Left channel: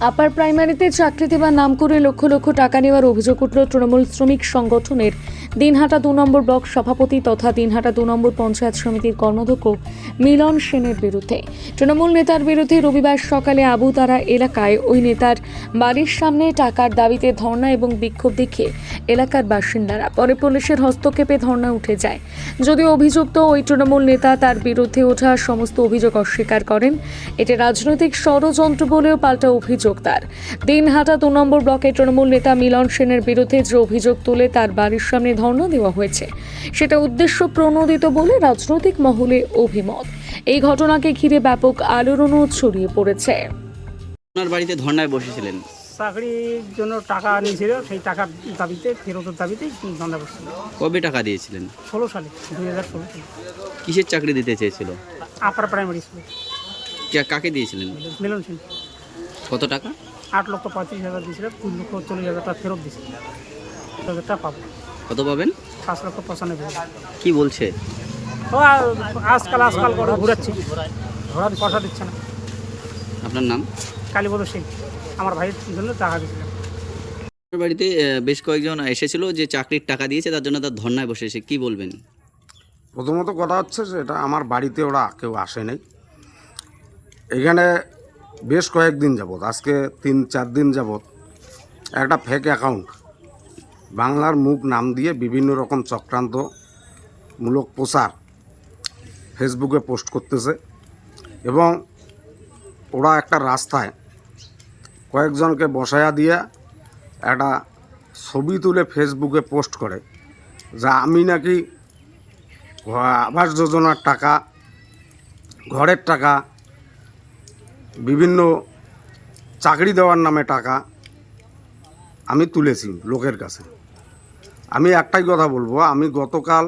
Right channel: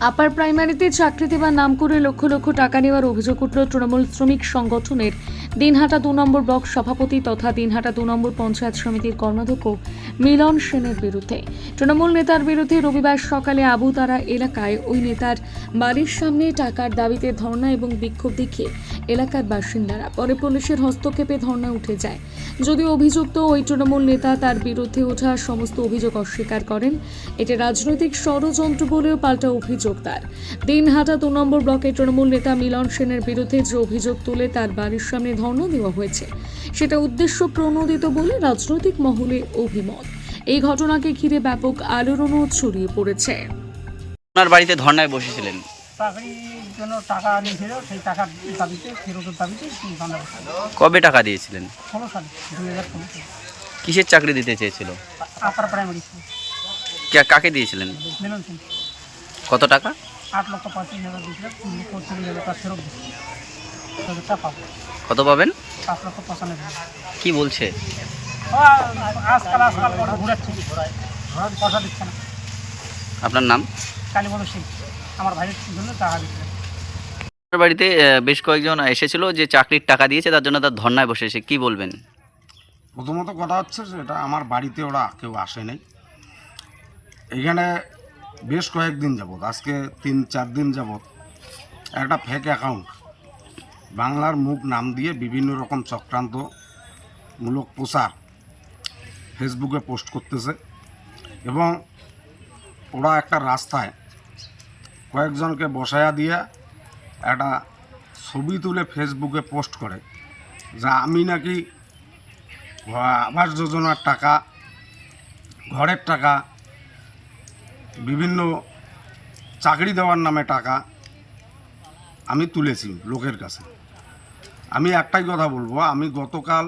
আপার প্রাইমারিতে চাকরি দেওয়ার নাম করে লক্ষ লক্ষ টাকা নেওয়ার অভিযোগ উঠল তৃণমূল শ্রমিক সংগঠনের দিনহাটা দু নম্বর ব্লক সভাপতি তথা দিনহাটা দু নম্বর পঞ্চায়েত সমিতির কর্মাধ্যক্ষ মিলন সেনের বিরুদ্ধে। তৃণমূল নেতার বিরুদ্ধে রবিবার সকালে আবুতারা এলাকায় ওই নেতার বাড়ির সামনে টাকার দাবিতে ধর্ণা এবং বিক্ষোভ দেখিয়ে এলাকার বাসিন্দারা পরে পুলিশের হস্তক্ষেপে ধর্ণা উঠে যায়। যদিও অভিযুক্ত ওই তৃণমূল নেতা তার বিরুদ্ধে ওঠা সমস্ত অভিযোগ অস্বীকার করেন এটি রাজনৈতিক ষড়যন্ত্র বলেও পাল্টা অভিযোগ তার। দিনহাটা দু নম্বর ব্লকের তৃণমূল নেতা মিলন সেনের বিরুদ্ধে যে অভিযোগ তুলে তার বাড়ির সামনে ধর্ণা দেওয়া হয়েছে। সেটা উদ্দেশ্য প্রণোদিত বলে রাজনৈতিক মহলে অভিমত। এই ঘটনাকে ঘিরে ব্যাপক আলোড়নও ছড়িয়ে পড়েছে। আপনার বাড়িতে ধর্নায় বসেছিলেন? চাকরির জন্য টাকা নিয়েছিল সেই টাকার দাবিতে ফেরতের দাবিতে বান্ধা বসছিল কবে টাকা দিয়েছিলেন? ষোলো সালে দুই হাজার ষোলো সালে। কিসের চাকরি দিতে চেয়েছিল? আপার প্রাইমারি স্কুল কাকে দিয়েছিলেন? মিলন সিং। কত টাকা? আট লক্ষ পঁয়ত্রিশ হাজার দিয়েছিল তিন লক্ষ চল্লিশ হাজার টাকা ফেরত দিয়েছিল। দশ হাজার টাকা পাবো। কত পাবেন? পাঁচ লক্ষ পঁচানব্বই কি বলছে? আজকাল আজকাল করে ঘুরাচ্ছে। পয়সা দিচ্ছে না। আপনার নাম? কালীপদ সিং। আমার ভাইয়ের জন্য টাকা দিচ্ছিলেন আপনার বাড়িতে বেশ কয়েকজন এসেছিল যে চাকরির টাকা দিয়েছে তার জন্য তার ধর্নায় বসেছে কি বলবেন? প্রথমত কথা হচ্ছে যে এটা আমার বাড়িতে ওরা কেউ আসে নাই। এখানে বেশ কয়েকদিন যাবৎ আজকে তিন চার দিন যাবৎ একটা ফেক অ্যাকাউন্ট বাংলার মুখ নাম দিয়ে বিভিন্ন রকম চক্রান্তমূলক প্রচার ফেসবুকে পোস্ট করতেছে এবং ওরা একটা রাস্তায় কয়েকজনকে বসায়া দিয়ে একটা ছবি তুলে ফেসবুকে পোস্ট করে যা আমি নাকি আবাস যোজনার টাকা, ঘরের টাকা, বিভিন্ন চাকরি দেওয়ার নামে টাকা আমি তুলেছি লোকের কাছে। আমি একটাই কথা বলব, আমি গতকাল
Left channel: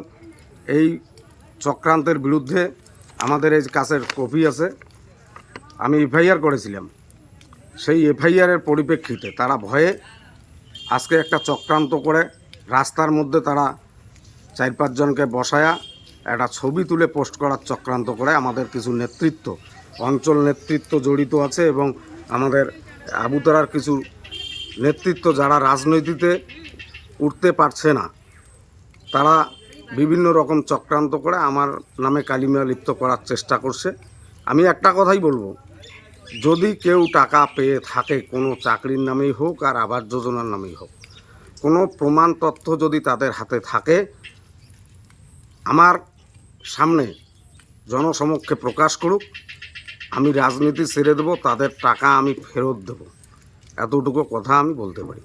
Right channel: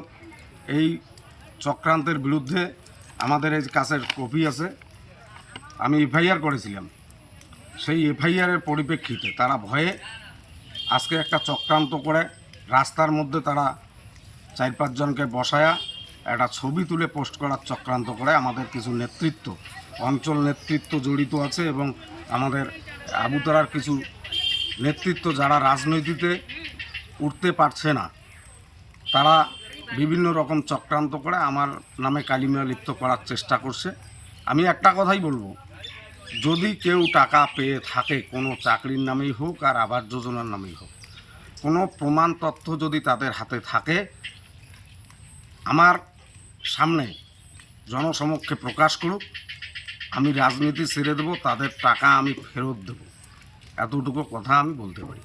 এই চক্রান্তের বিরুদ্ধে আমাদের এই কাছের কপি আছে, আমি এফআইআর করেছিলাম। সেই এফআইআরের পরিপ্রেক্ষিতে তারা ভয়ে আজকে একটা চক্রান্ত করে রাস্তার মধ্যে তারা চার পাঁচজনকে বসায়া একটা ছবি তুলে পোস্ট করার চক্রান্ত করে আমাদের কিছু নেতৃত্ব, অঞ্চল নেতৃত্ব জড়িত আছে এবং আমাদের আবুতরার কিছু নেতৃত্ব যারা রাজনীতিতে উঠতে পারছে না, তারা বিভিন্ন রকম চক্রান্ত করে আমার নামে কালিমা লিপ্ত করার চেষ্টা করছে। আমি একটা কথাই বলব, যদি কেউ টাকা পেয়ে থাকে, কোনো চাকরির নামেই হোক আর আবাস যোজনার নামেই হোক, কোনো প্রমাণ তথ্য যদি তাদের হাতে থাকে, আমার সামনে জনসমক্ষে প্রকাশ করুক, আমি রাজনীতি ছেড়ে দেবো, তাদের টাকা আমি ফেরত দেবো। এতটুকু কথা আমি বলতে পারি।